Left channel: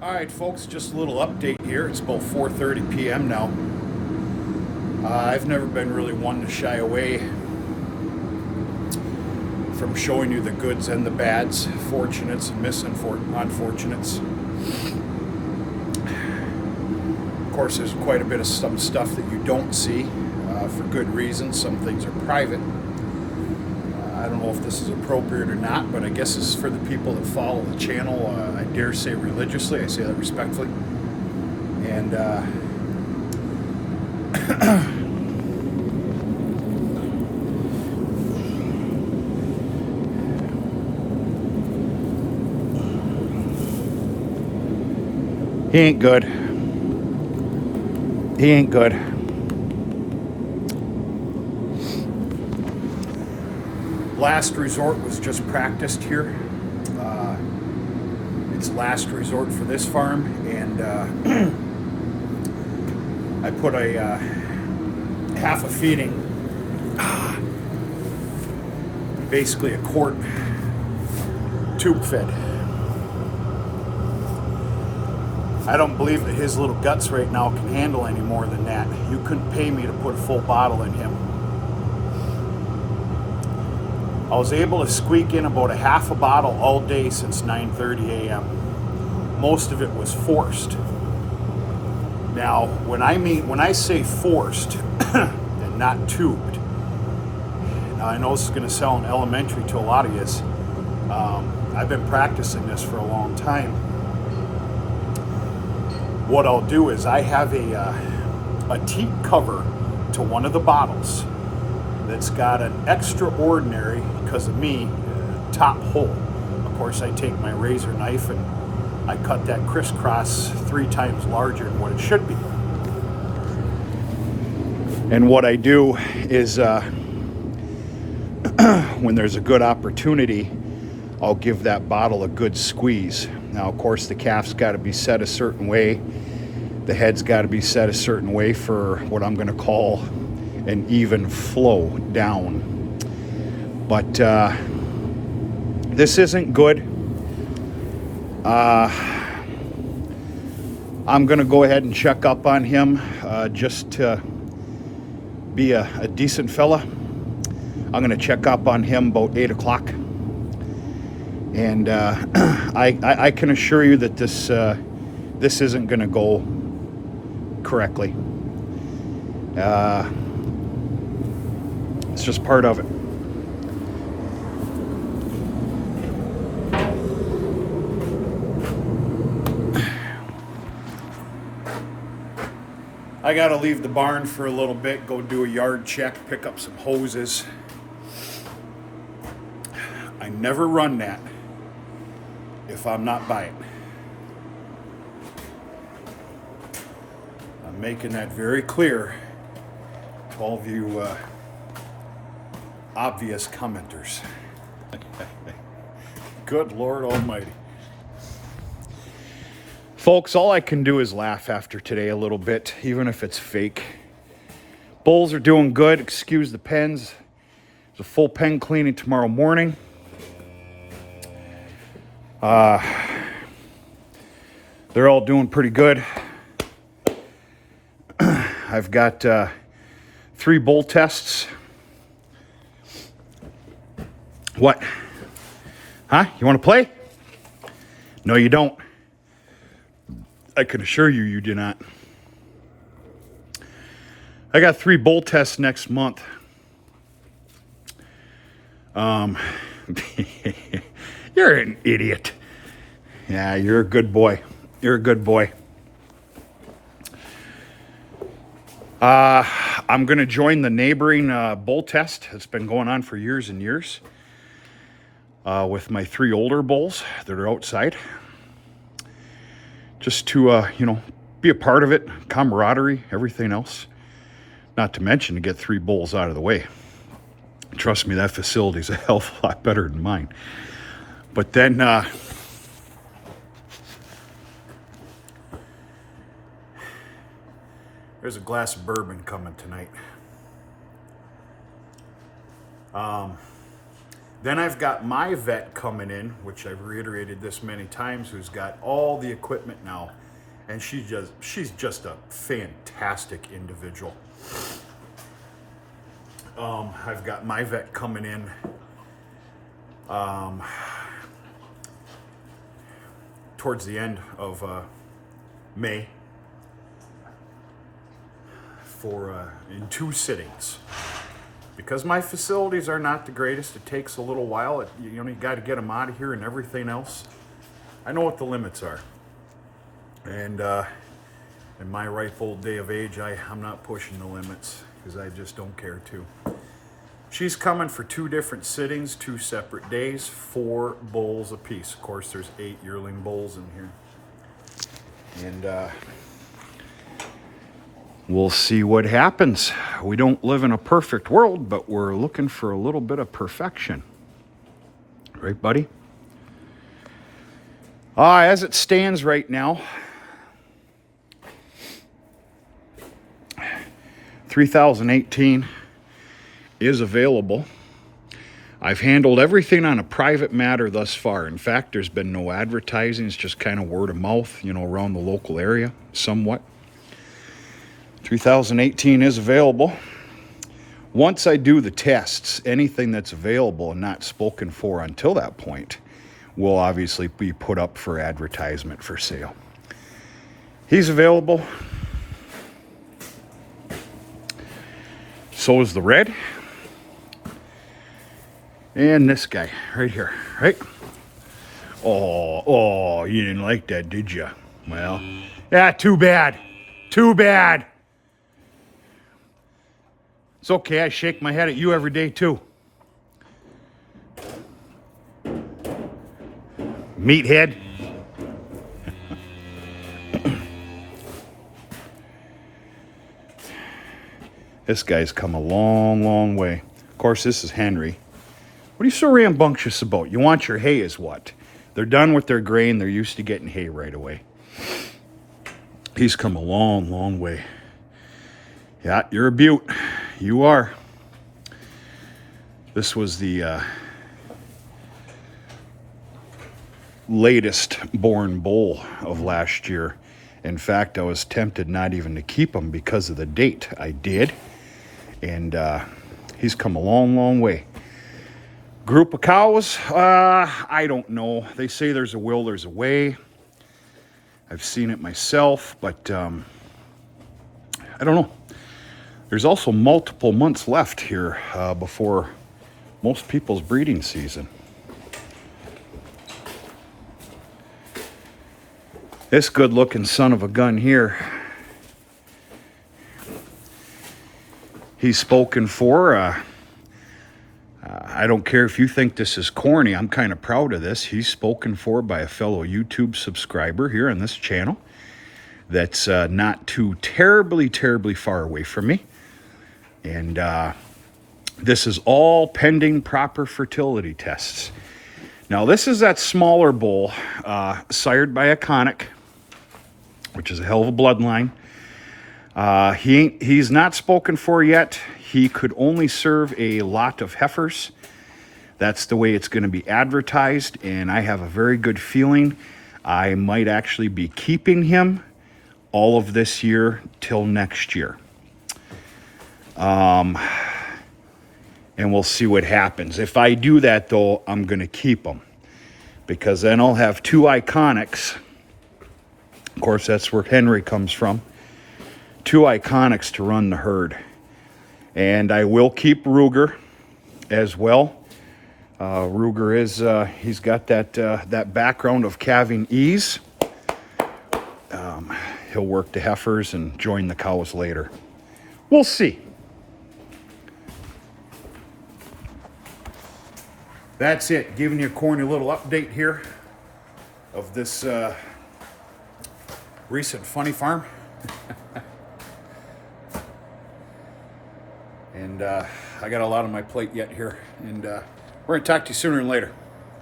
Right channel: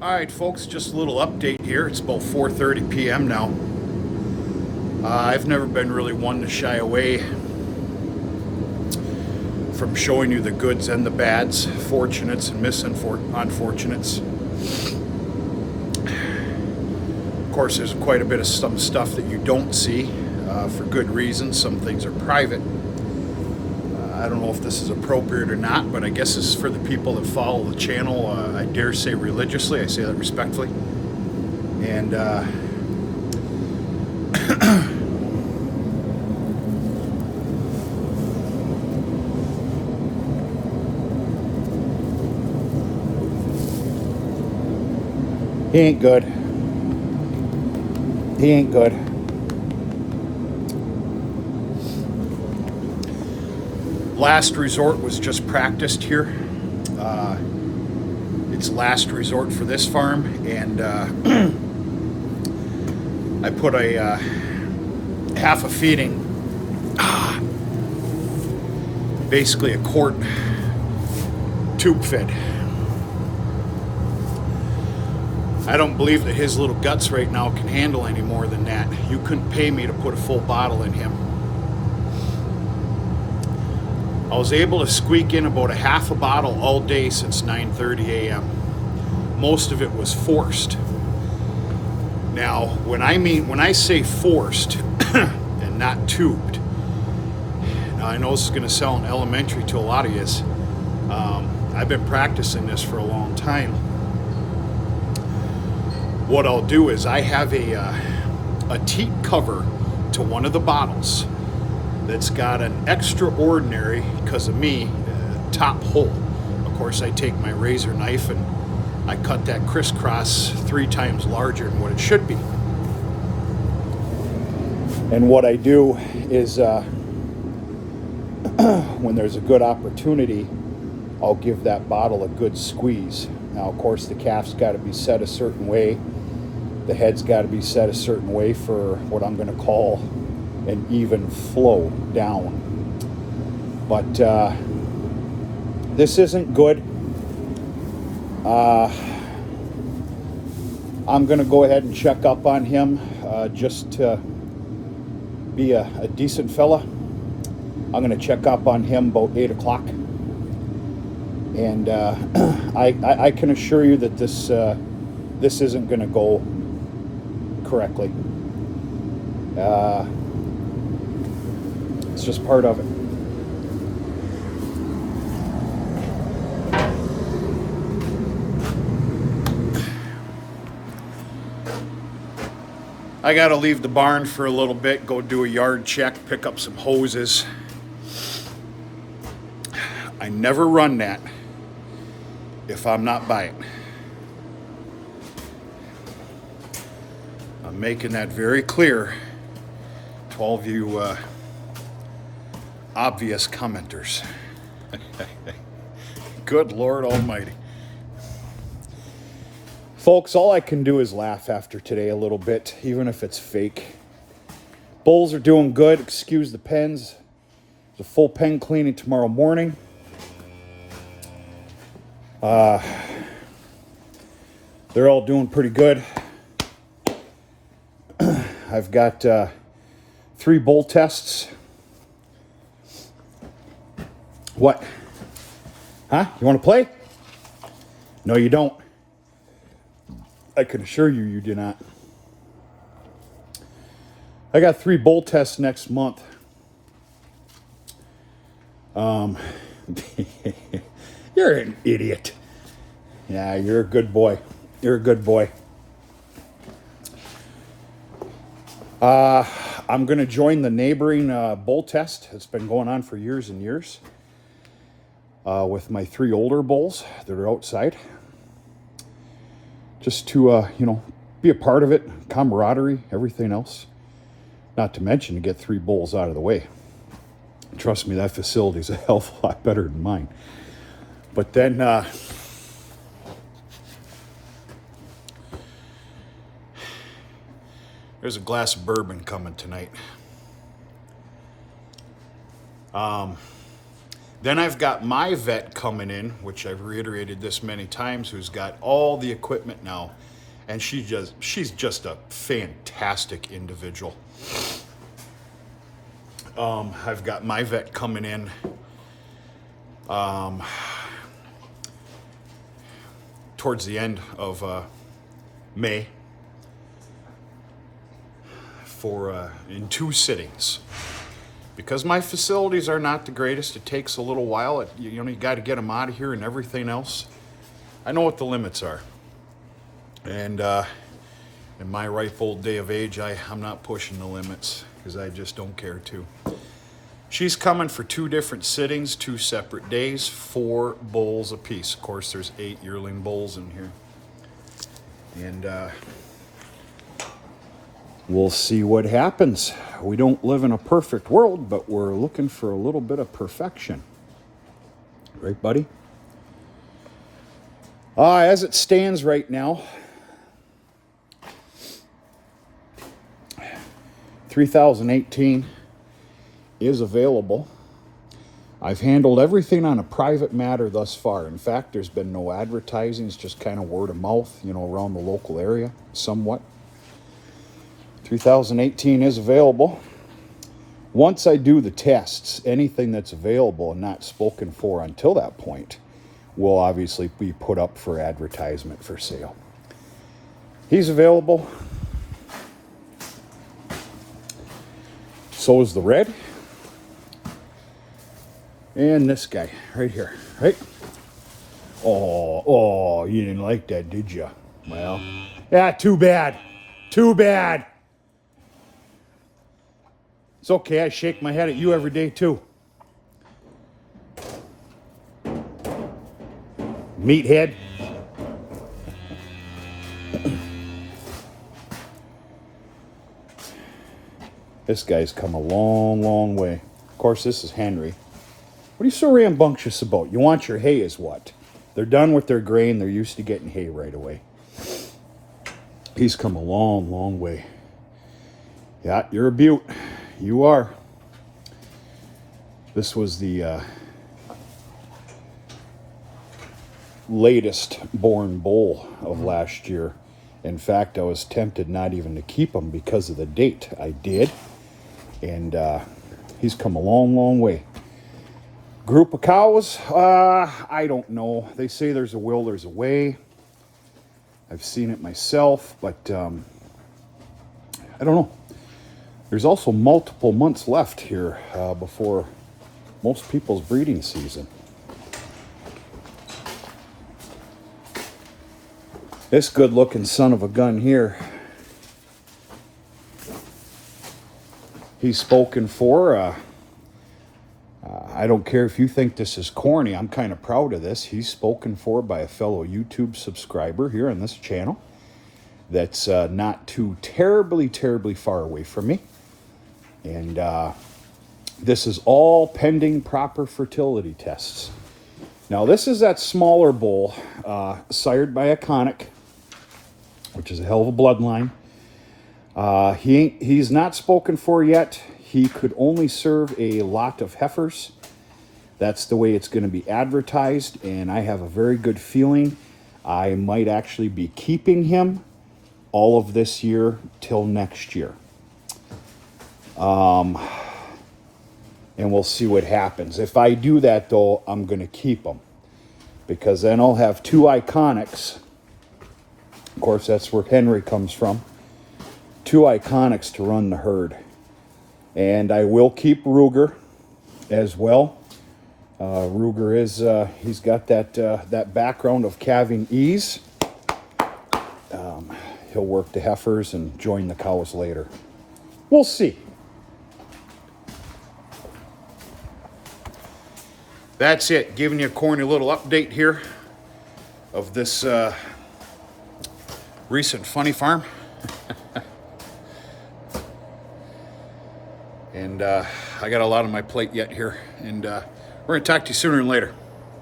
All right, folks, just a little update here. It's about 4:30 p.m. now. I've never been really one to shy away from showing you the goods and the bads, fortunates and unfortunates. Of course, there's quite a bit of some stuff that you don't see for good reasons. Some things are private. I don't know if this is appropriate or not, but I guess this is for the people that follow the channel. I dare say religiously. I say that respectfully. And he ain't good. He ain't good. Last resort was just practiced here. It's last resort for this farm, and I put a half a feeding, basically a quart tube fed. I don't believe that his little guts right now can handle any more than that. You couldn't pay me to put a full bottle in him. I was able to squeak in about a half a bottle all day since 9:30 a.m. Most of it was forced. Now, when I say forced and not tubed, now I know this is going to sound elementary to a lot of you. I've been practicing this for a long time. What I'll do is I have a teat cover to one of the bottles that's got an extraordinary, because of me, top hole. Of course, I take my razor knife and I cut that crisscross 3 times larger than what it should be. And what I do is when there's a good opportunity, I'll give that bottle a good squeeze. Now, of course, the calf's got to be set a certain way. The head's got to be set a certain way for what I'm going to call an even flow down. But this isn't good. I'm going to go ahead and check up on him just to be a decent fella. I'm going to check up on him about 8 o'clock. And I can assure you that this isn't going to go correctly. It's just part of it. I gotta leave the barn for a little bit, go do a yard check, pick up some hoses. I never run that if I'm not by it. I'm making that very clear to all of you obvious commenters. Good Lord Almighty. Folks, all I can do is laugh after today a little bit, even if it's fake. Bulls are doing good. Excuse the pens. There's a full pen cleaning tomorrow morning. They're all doing pretty good. I've got 3 bull tests. What? Huh? You want to play? No, you don't. I can assure you, you do not. I got 3 bull tests next month. You're an idiot. Yeah, you're a good boy. You're a good boy. I'm going to join the neighboring bull test. It's been going on for years and years with my 3 older bulls that are outside. Just to, be a part of it, camaraderie, everything else. Not to mention to get 3 bulls out of the way. Trust me, that facility's a hell of a lot better than mine. But then, there's a glass of bourbon coming tonight. Then I've got my vet coming in, which I've reiterated this many times, who's got all the equipment now. And she's just a fantastic individual. I've got my vet coming in towards the end of May for in 2 sittings. Because my facilities are not the greatest, it takes a little while. You got to get them out of here and everything else. I know what the limits are. And in my ripe old day of age, I'm not pushing the limits because I just don't care to. She's coming for 2 different sittings, 2 separate days, 4 bulls apiece. Of course, there's 8 yearling bulls in here. And we'll see what happens. We don't live in a perfect world, but we're looking for a little bit of perfection. Right, buddy? As it stands right now, 3018 is available. I've handled everything on a private matter thus far. In fact, there's been no advertising. It's just kind of word of mouth, around the local area somewhat. 3018 is available. Once I do the tests, anything that's available and not spoken for until that point will obviously be put up for advertisement for sale. He's available. So is the red. And this guy right here, right? Oh, you didn't like that, did you? Well, yeah, too bad. Too bad. It's okay, I shake my head at you every day too. Meathead. This guy's come a long, long way. Of course, this is Henry. What are you so rambunctious about? You want your hay is what? They're done with their grain. They're used to getting hay right away. He's come a long, long way. Yeah, you're a beaut. You are. This was the latest born bull of last year. In fact, I was tempted not even to keep him because of the date. I did. And he's come a long, long way. Group of cows? I don't know. They say there's a will, there's a way. I've seen it myself, but I don't know. There's also multiple months left here before most people's breeding season. This good-looking son of a gun here, he's spoken for. I don't care if you think this is corny. I'm kind of proud of this. He's spoken for by a fellow YouTube subscriber here on this channel that's not too terribly far away from me. And this is all pending proper fertility tests. Now, this is that smaller bull, sired by a Conic, which is a hell of a bloodline. He's not spoken for yet. He could only serve a lot of heifers. That's the way it's going to be advertised, and I have a very good feeling I might actually be keeping him all of this year till next year. And we'll see what happens. If I do that, though, I'm going to keep him, because then I'll have 2 Iconics. Of course, that's where Henry comes from. 2 Iconics to run the herd. And I will keep Ruger as well. Ruger is, he's got that background of calving ease. He'll work the heifers and join the cows later. We'll see. That's it. Giving you a corny little update here of this recent funny farm. And I got a lot on my plate yet here. And we're going to talk to you sooner than later.